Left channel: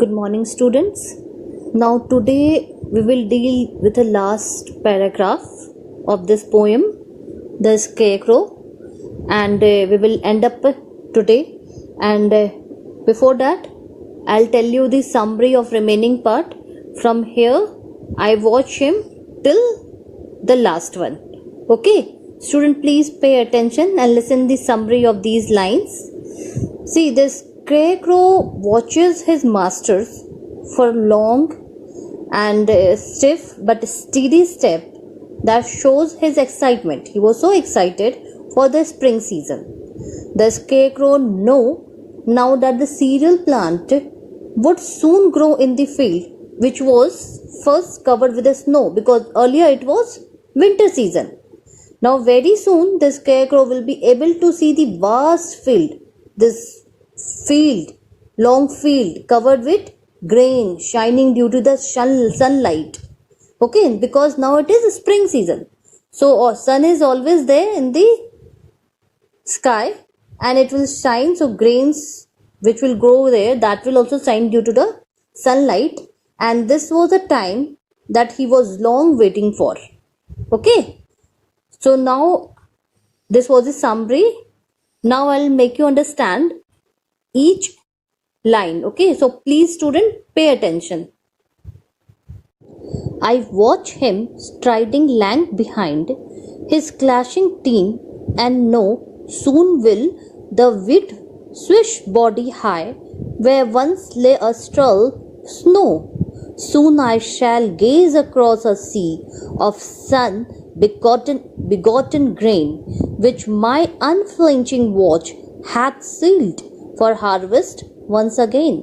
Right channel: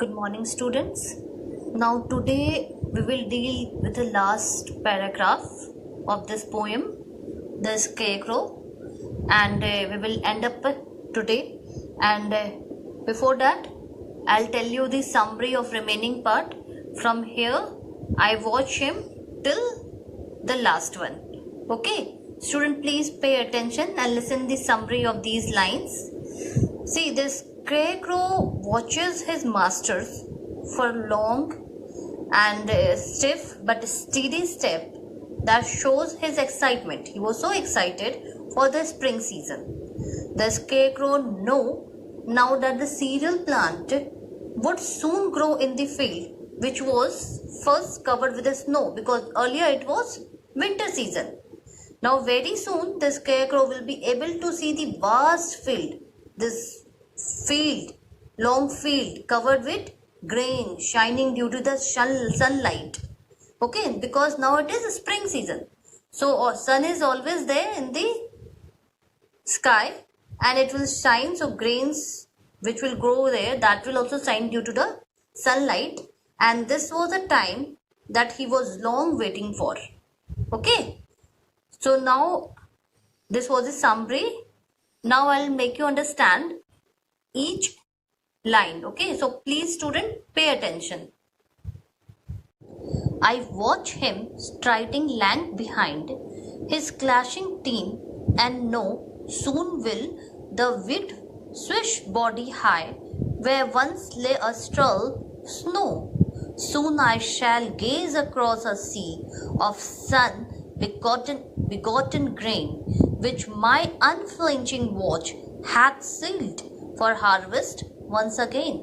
Good morning, students. Now, today we will deal with the last paragraph of this poem, The Scarecrow, and we will end up today. And before that, I'll tell you the summary of remaining part. From here, I watch him till the last one. Okay, student, please pay attention and listen the summary of these lines. See, the scarecrow watches his masters for long and stiff but steady step that shows his excitement. He was so excited for the spring season. The scarecrow knew now that the cereal plant would soon grow in the field, which was first covered with the snow, because earlier it was winter season. Now very soon the scarecrow will be able to see the vast field, this field, long field covered with grain shining due to the sunlight. Okay, because now it is spring season. So sun is always there in the sky and it will shine. So grains which will grow there, that will also shine due to the sunlight. And this was the time that he was long waiting for. Okay. So now this was a summary. Now I'll make you understand each line. Okay, so please student, pay attention. I watch him striding lank behind his clashing team, and know soon will the wheat swish body high where once lay a straw snow. Soon I shall gaze across a sea of sun begotten grain, which my unflinching watch hath sealed for harvest once again.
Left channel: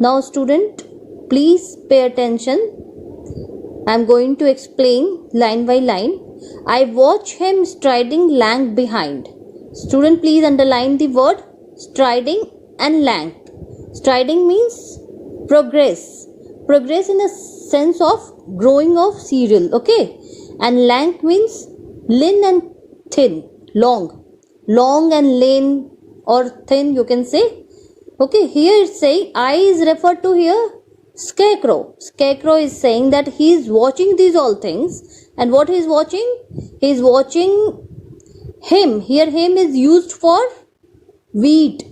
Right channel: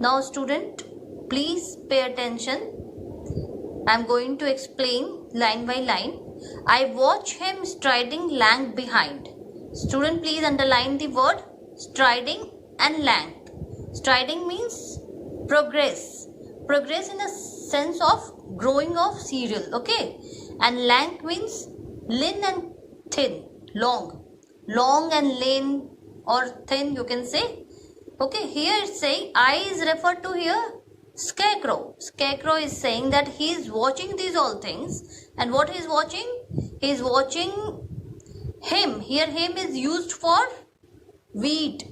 Now student, please pay attention. I am going to explain line by line. I watch him striding lank behind. Student, please underline the word striding and lank. Striding means progress. Progress in the sense of growing of cereal. Okay. And lank means lean and thin. Long. Long and lean or thin, you can say. Okay, here it's saying I is referred to here scarecrow. Scarecrow is saying that he is watching these all things. And what he is watching? He is watching him. Here him is used for wheat,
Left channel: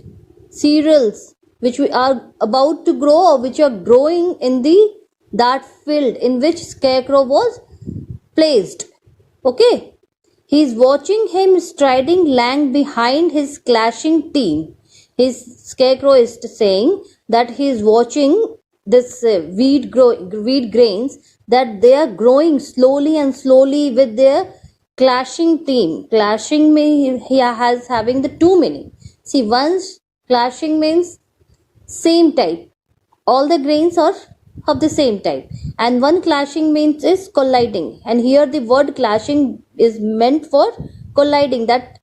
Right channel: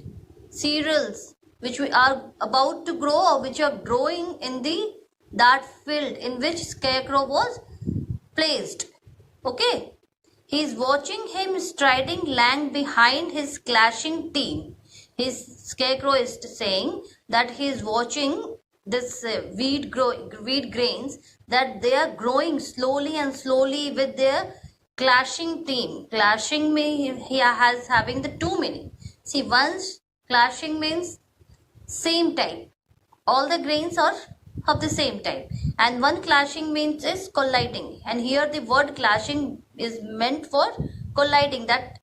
cereals, which we are about to grow or which are growing in that field in which scarecrow was placed. Okay. He is watching him striding lank behind his clashing team. His scarecrow is saying that he is watching this wheat grains, that they are growing slowly and slowly with their clashing team. Clashing means he has having the two meaning. See, once clashing means same type. All the grains are of the same type, and one clashing means is colliding, and here the word clashing is meant for colliding, that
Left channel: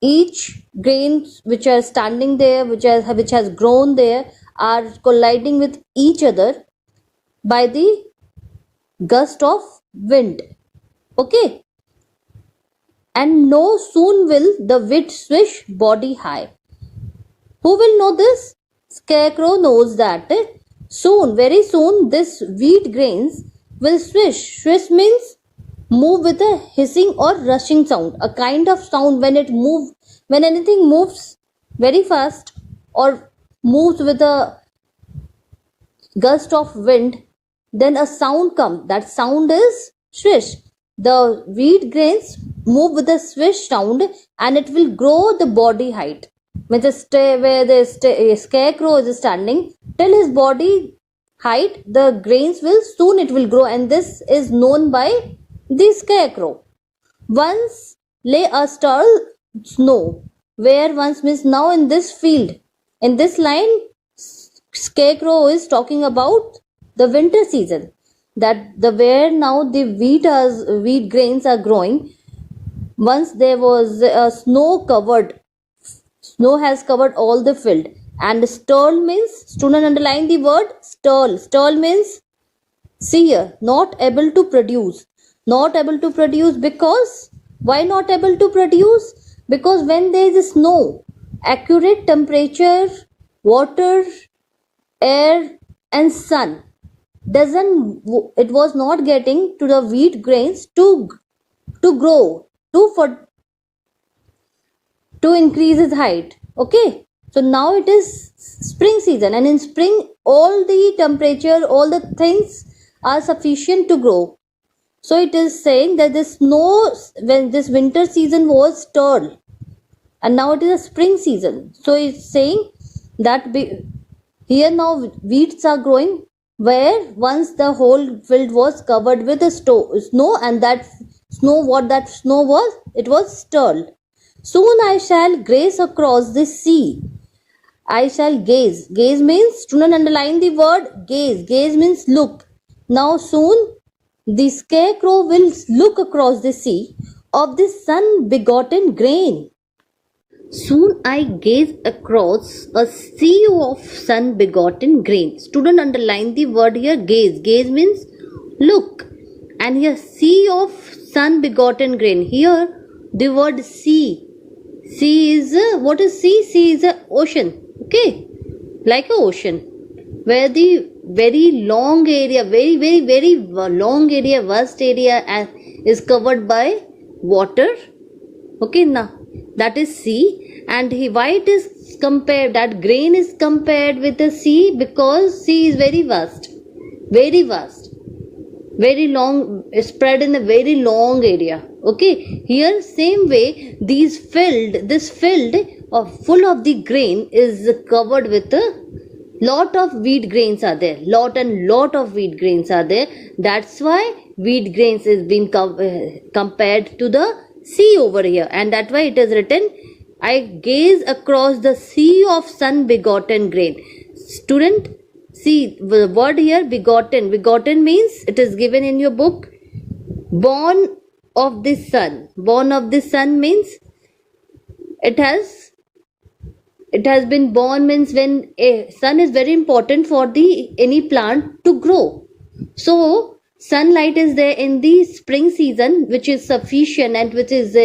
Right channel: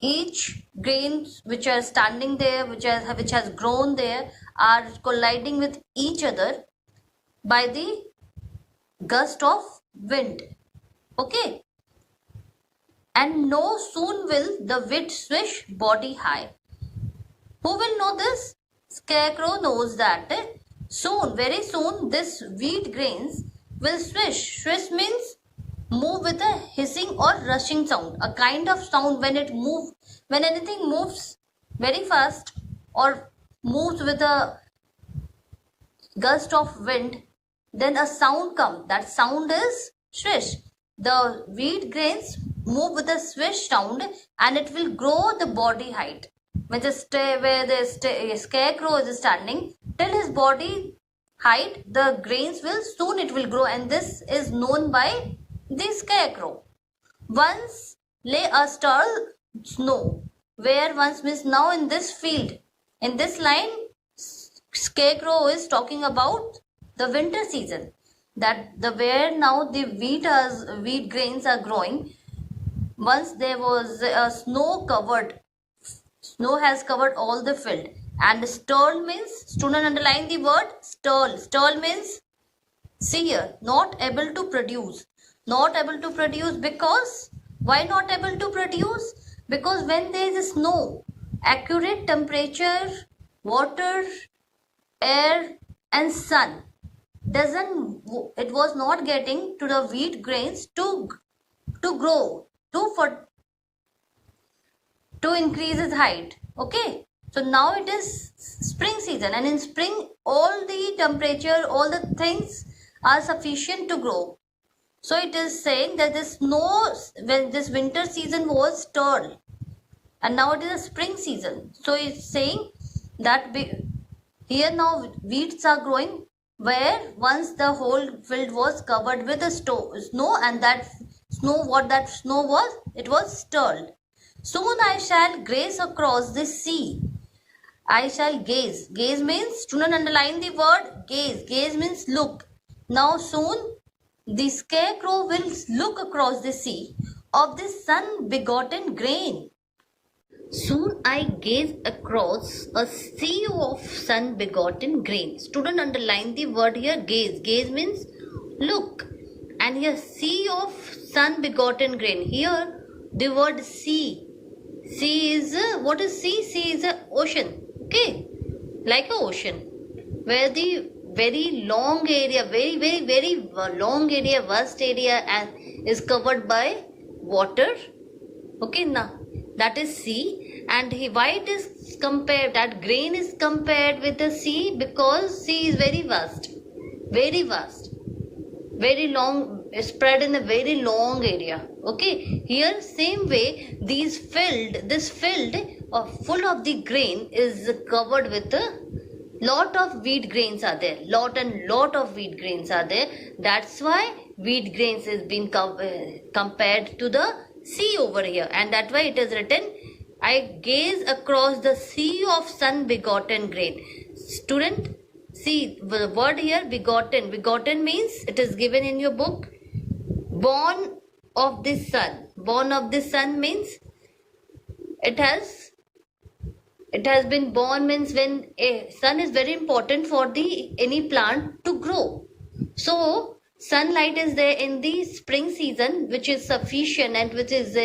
each grains which are standing there, which has grown there, are colliding with each other by the gust of wind. Okay. And no soon will the wheat swish body high. Who will know this? Scarecrow knows that soon, very soon, this wheat grains will swish. Swish means move with a hissing or rushing sound. A kind of sound when anything moves very fast or moves with a gust of wind, then a sound comes. That sound is swish. The wheat grains move with a swish sound and it will grow the body height. Where the scarecrow is standing, till his body height, the grains will grow, and this is known by the scarecrow. Once lay a stall snow, where once means now in this field. In this line, scarecrow is talking about the winter season, that where now the wheat grains are growing. Once there was a snow has covered all the field. And stall means, student underline the word stall. Stall means, see here, not able to produce. Not able to produce because, why not able to produce? Because when there is snow, accurate temperature water, air and sun it was not getting to the wheat grains to grow, to increase its height. Okay, so now it is spring season, and in spring all the temperature, all the things are sufficient to grow. So it is saying that the snow, when this winter season was stalled, and now it is a spring season. So it's saying that here now wheats are growing where once the whole field was covered with the snow, and that snow, what that snow was, it was stalled. Soon I shall graze across the sea. I shall gaze. Gaze means, student underline the word gaze. Gaze means look. Now soon the scarecrow will look across the sea of the sun begotten grain. Soon I gaze across a sea of sun begotten grain. Student underline the word here gaze. Gaze means look. And here sea of sun begotten grain. Here the word sea. Sea is what is sea? Sea is a ocean. Okay, like a ocean, where the very long area, very long area, vast area is covered by water. Okay, now that is sea. And why it is compared, that grain is compared with the sea? Because sea is very vast, very long, spread in a very long area. Okay, here same way this field of full of the grain is covered with a lot of wheat grains are there, lot of wheat grains are there. That's why wheat grains is being compared to the sea over here, and that's why it is written, I gaze across the sea of sun begotten grain. Student, see the word here begotten. Begotten means, it is given in your book, born of the sun. Born of the sun means it has been born, means when a sun is very important for any plant to grow. So sunlight is there in the spring season, which is sufficient and which is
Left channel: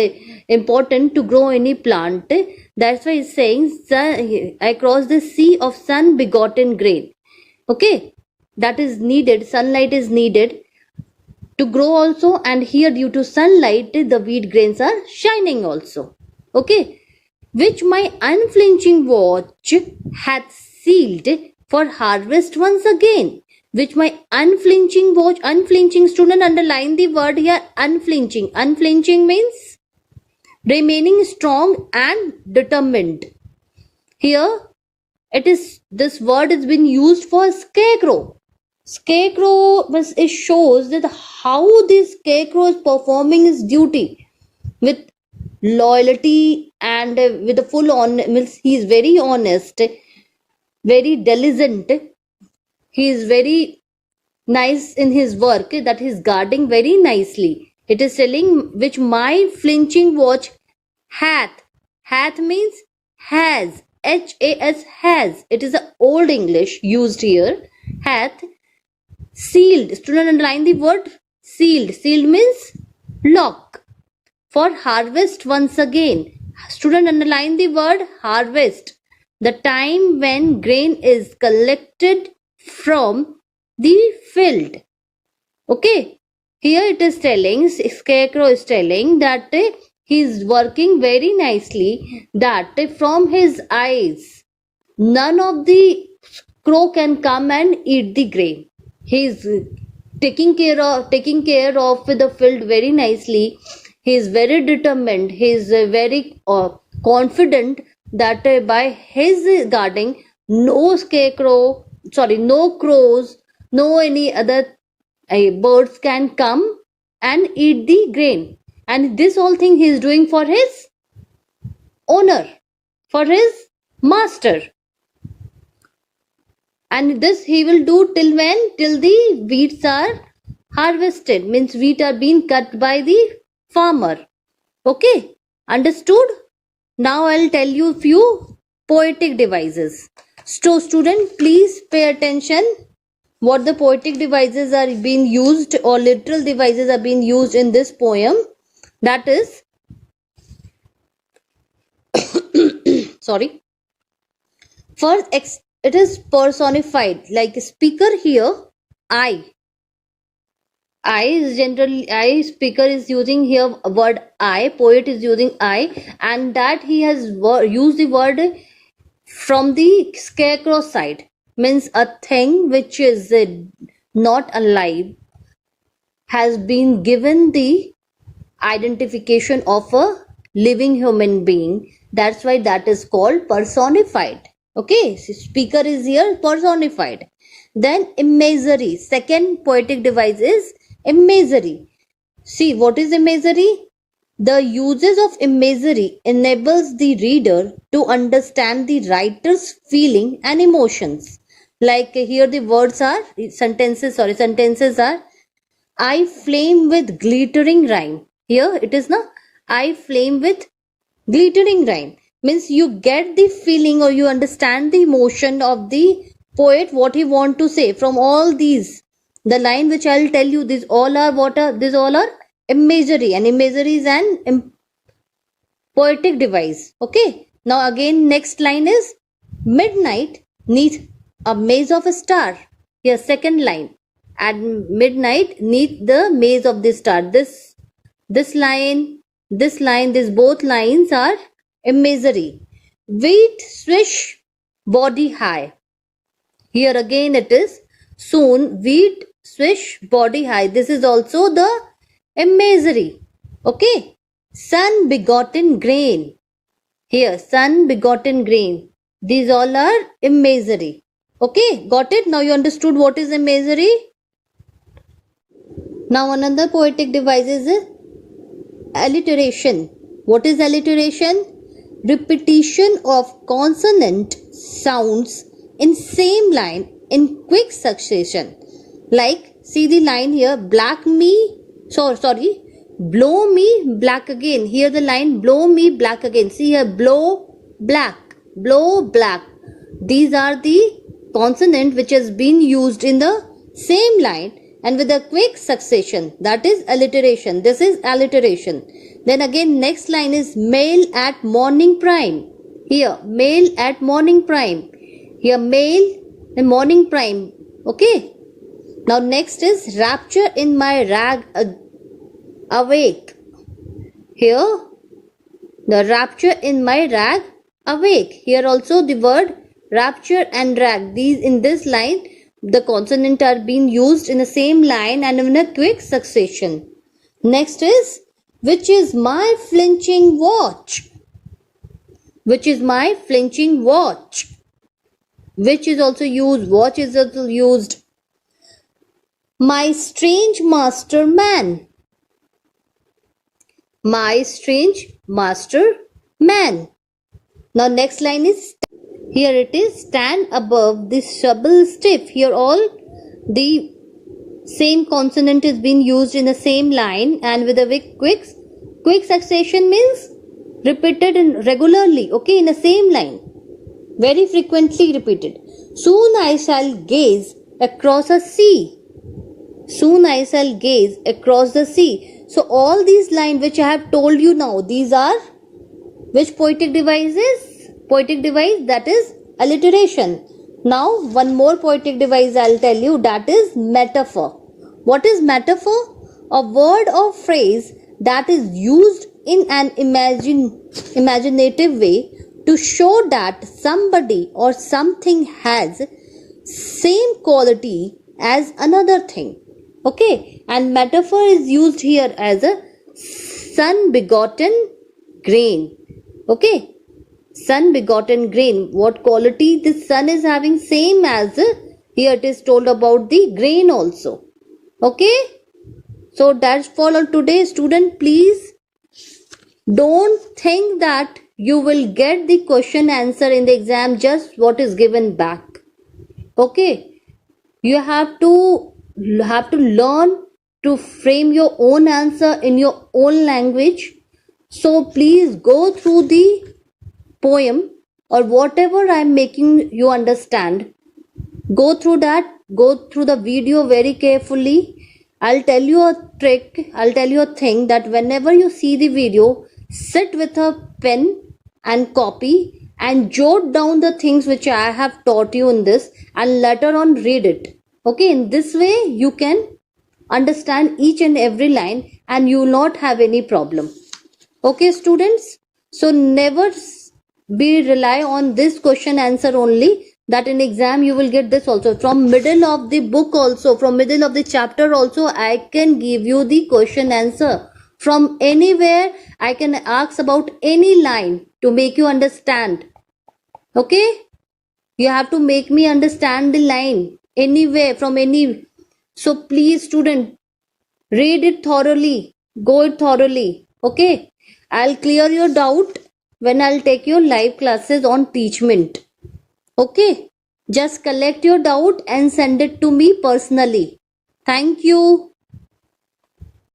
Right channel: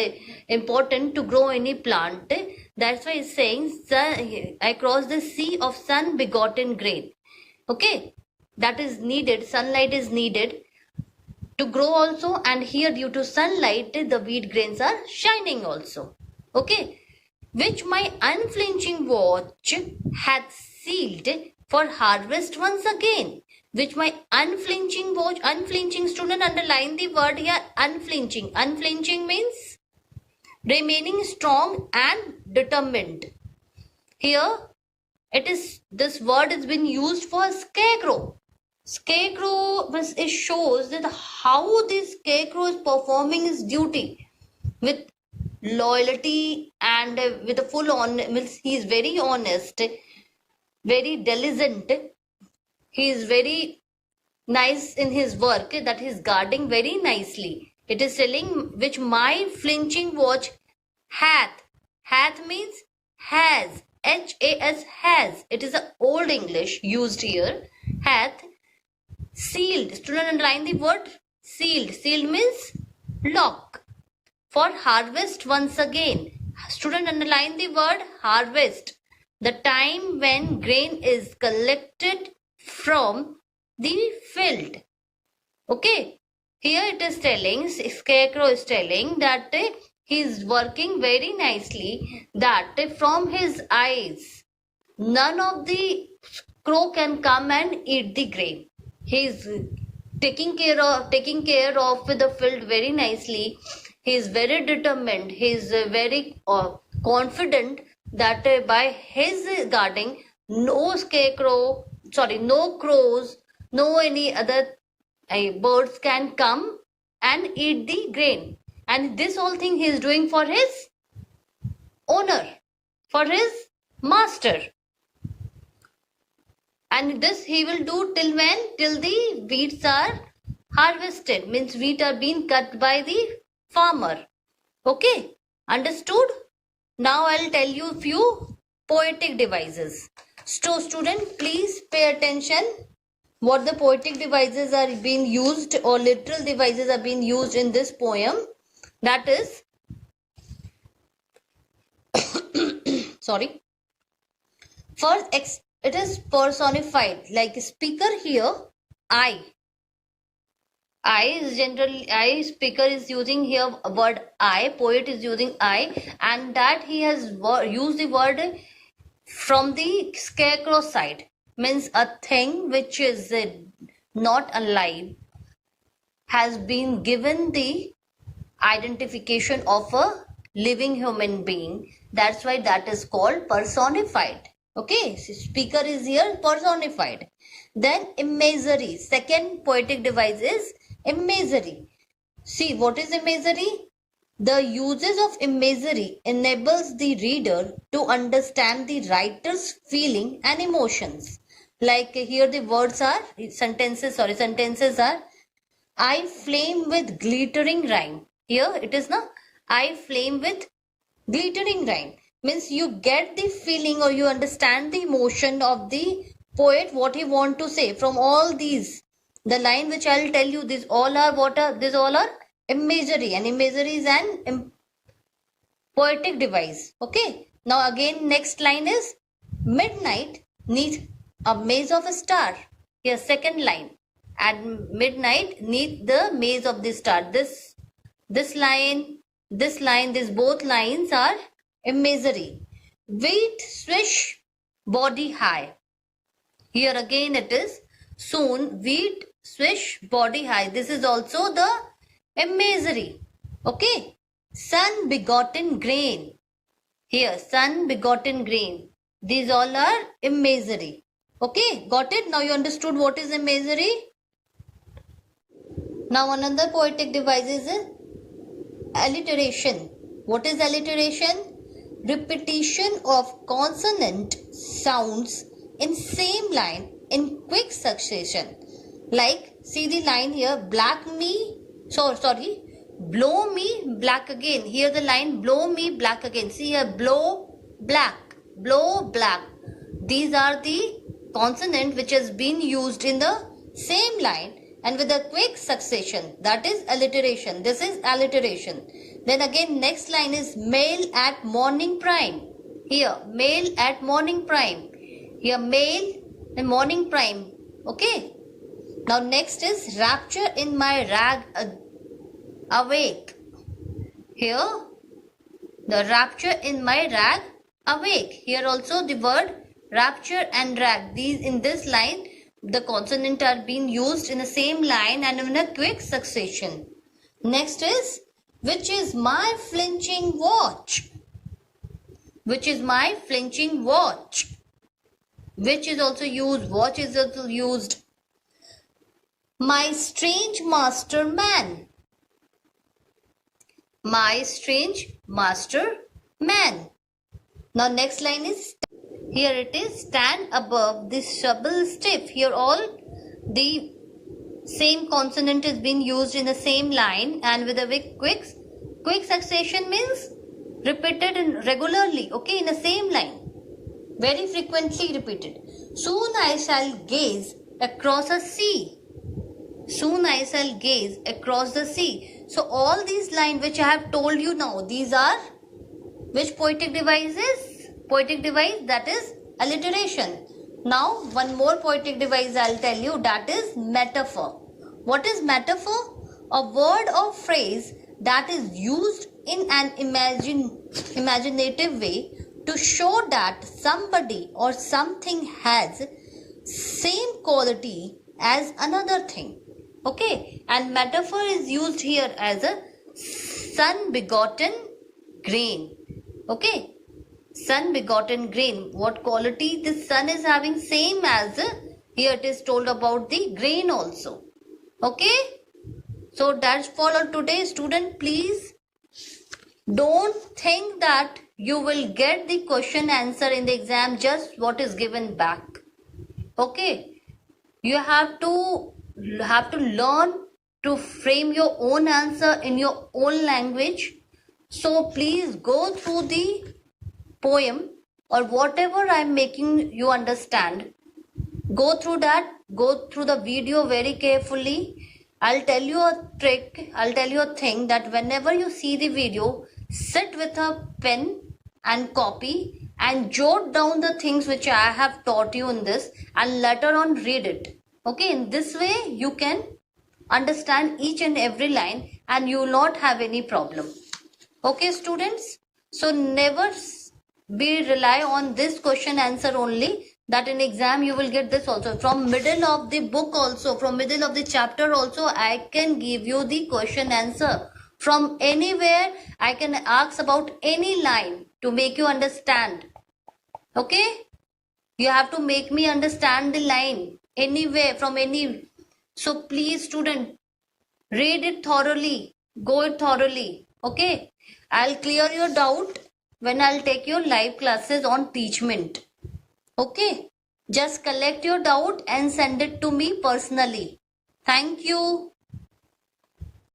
important to grow any plant. That's why it's saying, I cross the sea of sun begotten grain. Okay, that is needed. Sunlight is needed to grow also, and here due to sunlight the wheat grains are shining also. Okay, which my unflinching watch hath sealed for harvest once again. Which my unflinching watch, unflinching, student underline the word here, unflinching. Unflinching means remaining strong and determined. Here it is, this word is been used for scarecrow. Scarecrow, it shows that how this scarecrow is performing his duty with loyalty and with a full on, means he is very honest, very diligent, he is very nice in his work, that he is guarding very nicely. It is telling, which my flinching watch hath means has, H-A-S, has. It is a old English used here. Hath sealed. Student underline the word sealed. Sealed means lock. For harvest once again. Student underline the word harvest. The time when grain is collected from the field. Okay. Here it is telling, scarecrow is telling that he is working very nicely, that from his eyes none of the crow can come and eat the grain. He is taking care of the field very nicely. He is very determined. He is very confident that by his guarding, no crows, no any other birds can come and eat the grain. And this whole thing he is doing for his owner, for his master. And this he will do till when? Till the wheats are harvested, means wheat are being cut by the farmer. Okay, understood? Now I'll tell you few poetic devices. So student, please pay attention what the poetic devices are being used, or literal devices are being used in this poem. That is, sorry. First, it is personified, like speaker here, I. I is generally, I speaker is using here word I, poet is using I, and that he has used the word from the scarecrow side, means a thing which is not alive has been given the identification of a living human being. That's why that is called personified. Okay, so speaker is here personified. Then imagery, second poetic device is imagery. See, what is imagery? The uses of imagery enables the reader to understand the writer's feeling and emotions. Like here the words are, sentences are, I flame with glittering rhyme. Here it is now, I flame with glittering rhyme. Means you get the feeling or you understand the emotion of the poet, what he want to say from all these. The line which I'll tell you, these all are what are, these all are imagery, and imagery is an poetic device. Okay. Now again next line is midnight neath a maze of a star. Here second line, at midnight neath the maze of the star. This line, these both lines are imagery. Wheat swish body high. Here again it is soon wheat swish body high. This is also the imagery. Okay. Sun begotten grain. Here sun begotten grain. These all are imagery. Okay, got it? Now you understood what is imagery. Now another poetic device is alliteration. What is alliteration? Repetition of consonant sounds in same line in quick succession. Like, see the line here, blow me black again. Here the line, blow me black again. See here, blow black. These are the consonant which has been used in the same line and with a quick succession. That is alliteration. This is alliteration. Then again next line is mail at morning prime. Here mail at morning prime. Here mail and morning prime. Okay. Now next is rapture in my rag awake. Here the rapture in my rag awake. Here also the word rapture and rag. These in this line the consonant are being used in the same line and in a quick succession. Next is which is my flinching watch. Which is my flinching watch. Which is also used. Watch is also used. My strange master man. My strange master man. Now next line is, here it is, stand above the stubble stiff. Here all the same consonant is being used in the same line and with a quick succession means repeated regularly. Okay, in the same line. Very frequently repeated. Soon I shall gaze across a sea. Soon I shall gaze across the sea. So all these lines which I have told you now, these are which poetic devices? Poetic device, that is alliteration. Now one more poetic device I'll tell you, that is metaphor. What is metaphor? A word or phrase that is used in an imaginative way to show that somebody or something has same quality as another thing. Okay, and metaphor is used here as a sun begotten grain. Okay, sun begotten grain. What quality the sun is having, same as here it is told about the grain also. Okay, so that's for all today. Student, please don't think that you will get the question answer in the exam just what is given back. Okay, you have to learn to frame your own answer in your own language. So please go through the poem or whatever I am making you understand. Go through that. Go through the video very carefully. I'll tell you a trick. I'll tell you a thing that whenever you see the video, sit with a pen and copy and jot down the things which I have taught you in this and later on read it. Okay, in this way you can understand each and every line and you will not have any problem. Okay, students, so never be rely on this question answer only, that in exam you will get this also. From middle of the book also, from middle of the chapter also, I can give you the question answer. From anywhere I can ask about any line to make you understand. Okay, you have to make me understand the line anywhere from any. So please student, read it thoroughly, go it thoroughly. Okay, I'll clear your doubt when I'll take your live classes on Teachment. Okay, just collect your doubt and send it to me personally. Thank you.